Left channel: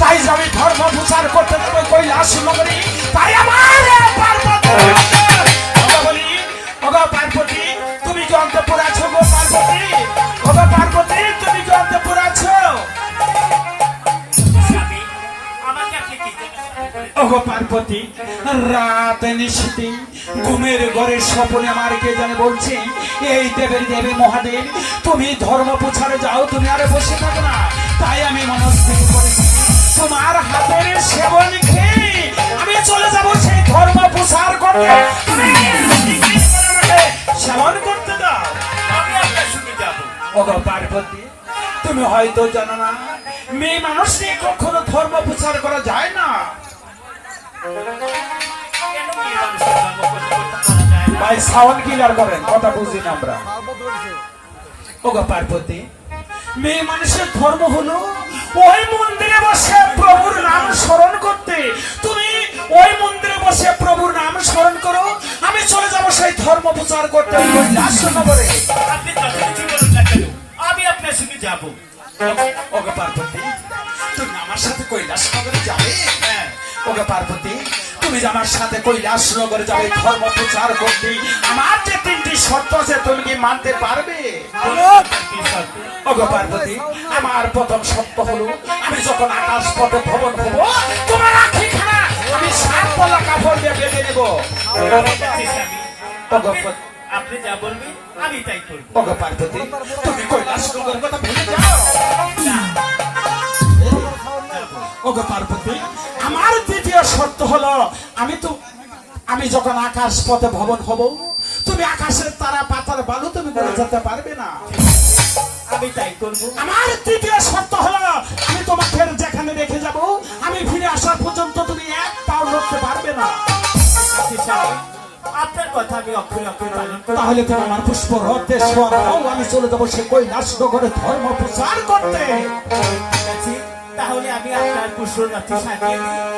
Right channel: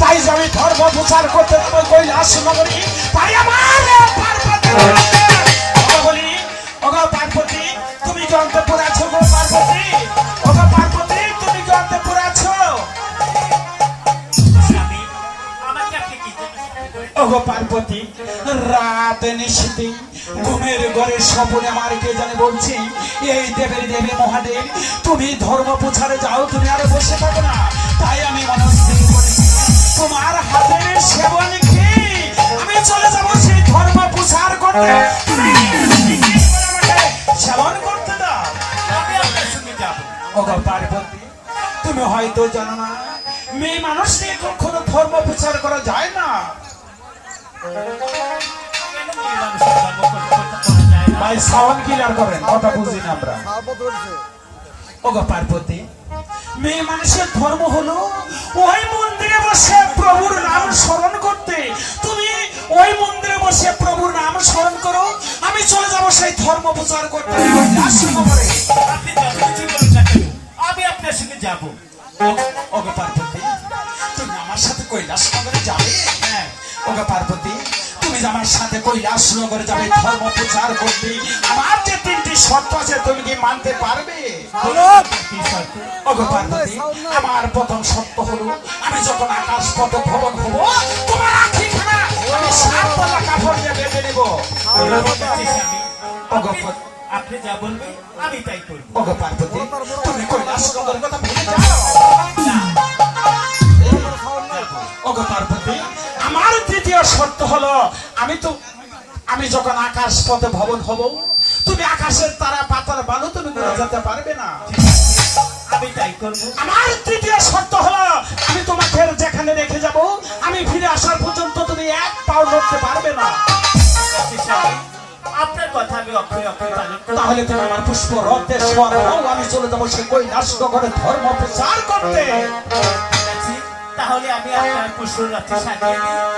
তাই আমি ধর্ম প্রচার করতে কৈলাস নগরী তাই আমার পার্বতী রাত ঘুমের ঘরে স্বপ্নে আমার কে এই দেবের দেবী মহাদেব, তুমি ধর্ম যাও, তুমি বসে থাকো না। তাই আমি মনস্থির করেছি তোমার হাতের সেবন আমি চলে যাব সেই ধর্ম করতে। সেবন করতে দাও পার্বতী, তুমি হয়তো জানো না মেয়ে মানুষ নিয়ে কখনো ধর্ম প্রচার করা যায় না। ভাই সাউন্ড কিলার করেন কথা বুঝি না আমরা। ওগো পার্বতী মেয়ে মানুষের ধর্ম হলো ওই মন্দিরে বসে প্রভুর নাম স্মরণ করতে। তুমি ওই মন্দিরে বসে প্রভুর নাম স্মরণ করো আমি চলে যাব সেই ধর্ম প্রচার করতে। আমি আপনার সঙ্গে যাব। ওগো পার্বতী তুমি আমার সাথে কৈলাস নগরে যাবে? হ্যাঁ। ওগো পার্বতী তুমি যে আমার সাথে কৈলাস নগরে যাবে ধর্ম প্রচার করতে আমার যে তিনটি শর্ত আছে তুমি কি মানতে পারবে? পার্বতী আমার প্রথম শর্ত হলো আমি যখন আকাশ পথে ভ্রমণ হব তোমার আখি খানা আমি সাত তলা কাপড় দিয়ে বেঁধে নেব। আপনি- যা বলবেন আমি তাই করব। পার্বতী তুমি কৈলাস নগরের কথা আমি তো আমি যখন আকাশ পথে ভবন হব তুমি আকাশের তারা পাতার বালু তুমি করে যেতে পারবে না। আমি তাই করব। আমার তৃতীয় শর্ত হলো আমি তোমাকে যেখানে রেখে যাব আমি ফিরে আসার পর্যন্ত তুমি এক পাও লড়তে পারবে না। আছে, আপনার কথা আমি অক্ষরে অক্ষরে পালন করব। তাহলে তুমি আমার পুষ্প রথে সোয়ার আমি চলে যাব সে কৈলাস করে ধর্ম প্রচার করতে। তাহলে আমি আপনার কুশল রাত্রি সাজিয়ে দিই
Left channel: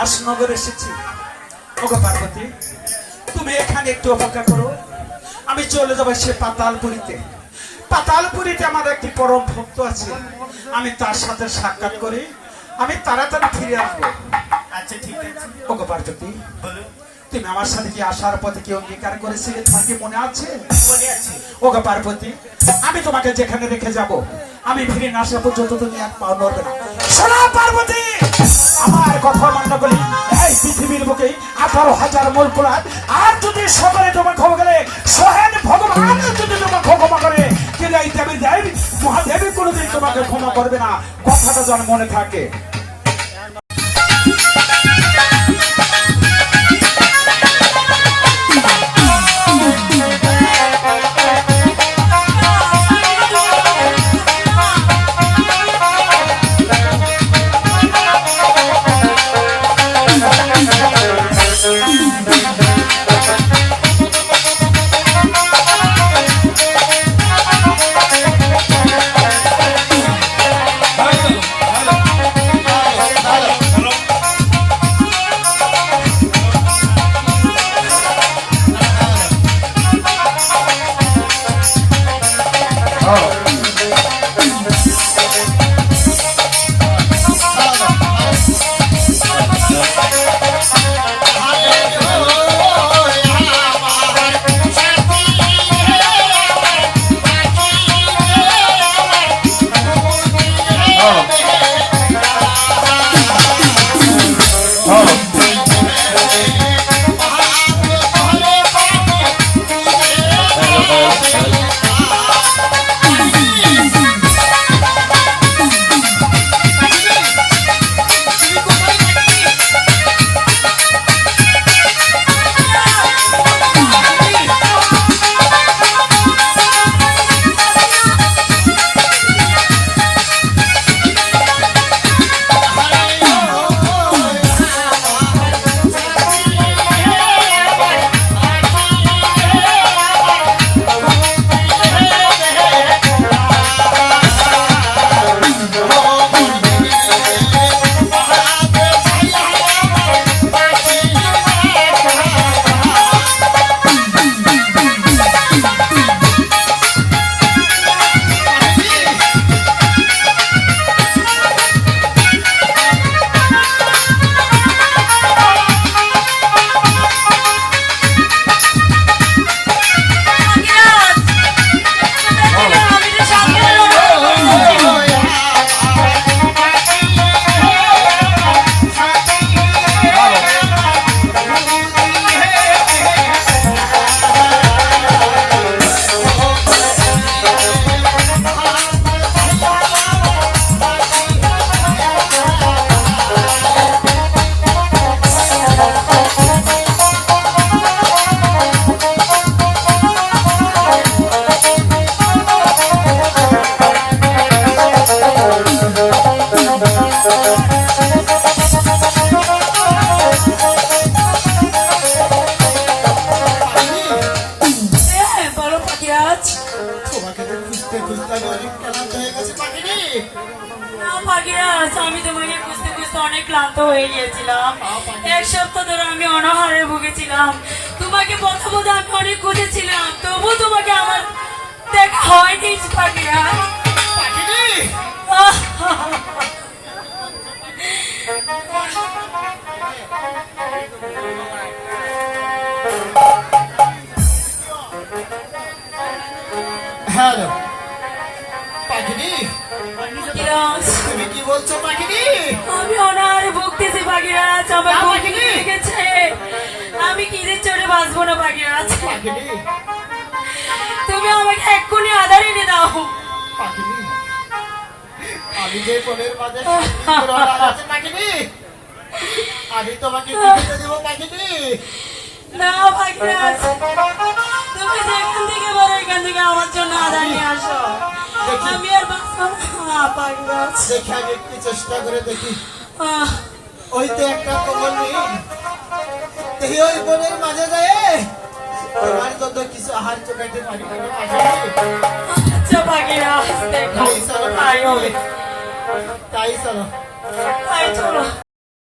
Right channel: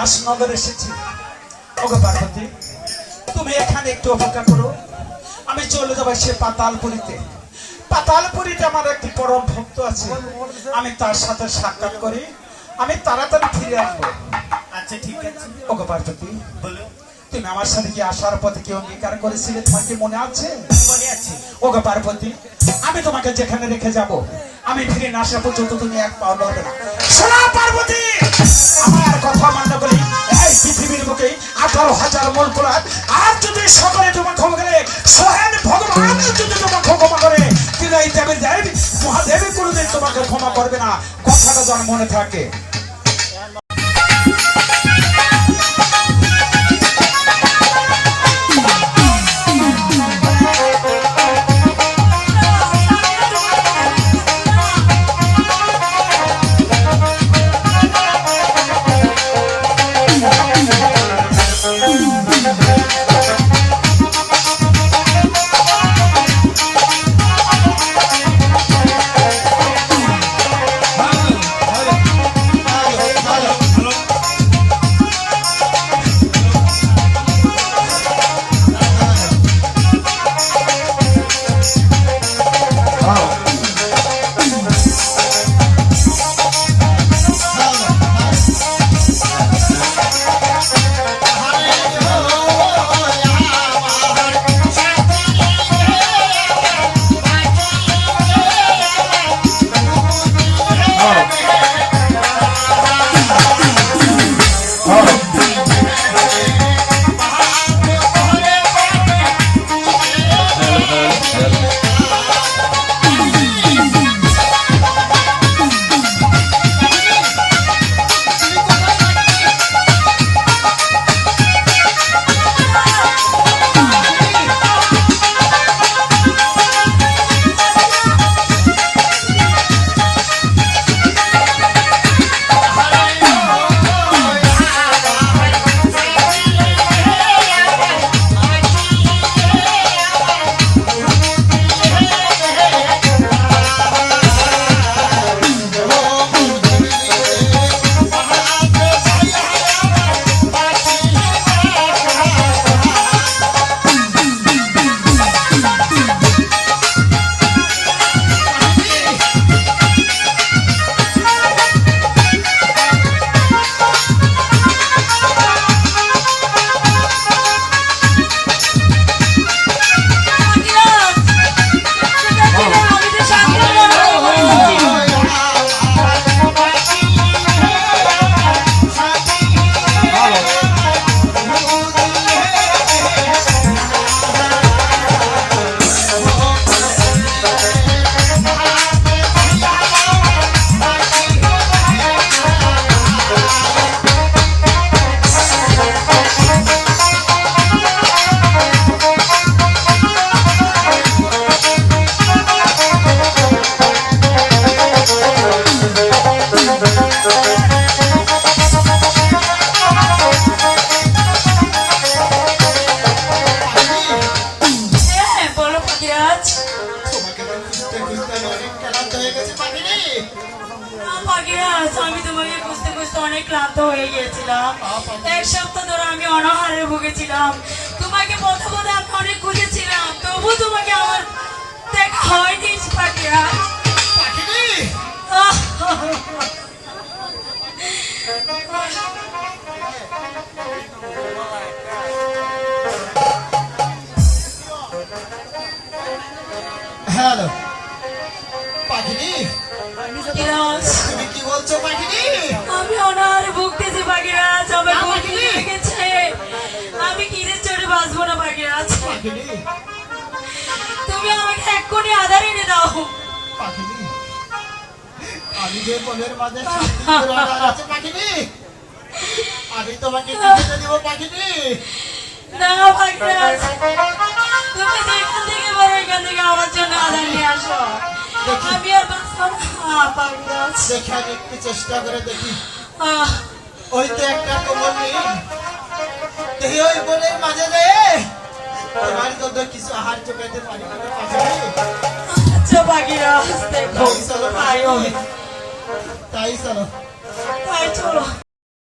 তো আমি নগর এসেছি। ওগো পার্বতী তুমি এখানে একটু অপেক্ষা করো। আমি চলে যাব সে পাতালপুরিতে। পাতালপুরিতে আমার একটি পরম ভক্ত আছে। আমি তার সাথে সাক্ষাৎ করি। আমি তাড়াতাড়ি ফিরে আসব। আচ্ছা ঠিক আছে। ওগো পার্বতী তুমি আমার সাথে কি আসার পথে কি অঙ্গীকার করেছিলে থাকে মনে আছে? ওগো পার্বতী আমি তোমাকে যেখানে রেখে যাব আমি ফিরে না আসা পর্যন্ত তুমি এক পা লড়বে না। পার্বতী! আঠারো হাজার মূল পুরাত আর যদি সকলে তোমার ক্ষমা করে, সহেন ভগবান যদি তোমার ক্ষমা করে কিন্তু এই দেবী দেব, মহাদেবী কোনোদিন তোমাকে ক্ষমা করবে না। কথাটা যেন মনে থাকে। এক সপ্তাহ ধরে আমি অনাহারে ভুগেছিলাম। তোমাকে পথে আমি অনেক খুঁজেছিলাম। তবু তোমাকে আমার দেখা হয়নি পাখিরাজ হ্যালো। পাখিনি তুমি কি বলছো পাখিনি আমি অনাহারে এক্ষুনি আধার এনে দাও আমি তোমাকে দিব না তুমি যেখান থেকে এখান থেকে আমার জন্য আধার নিয়ে আসো। দেখি। আমি আর বাঁচবো না পাখিরাজ দেখে আমি একটু চেষ্টা করে দেখি। ওই তো একটা কোমল নেই। দেখি ওই বনের মাঝে যায় তোমার জন্য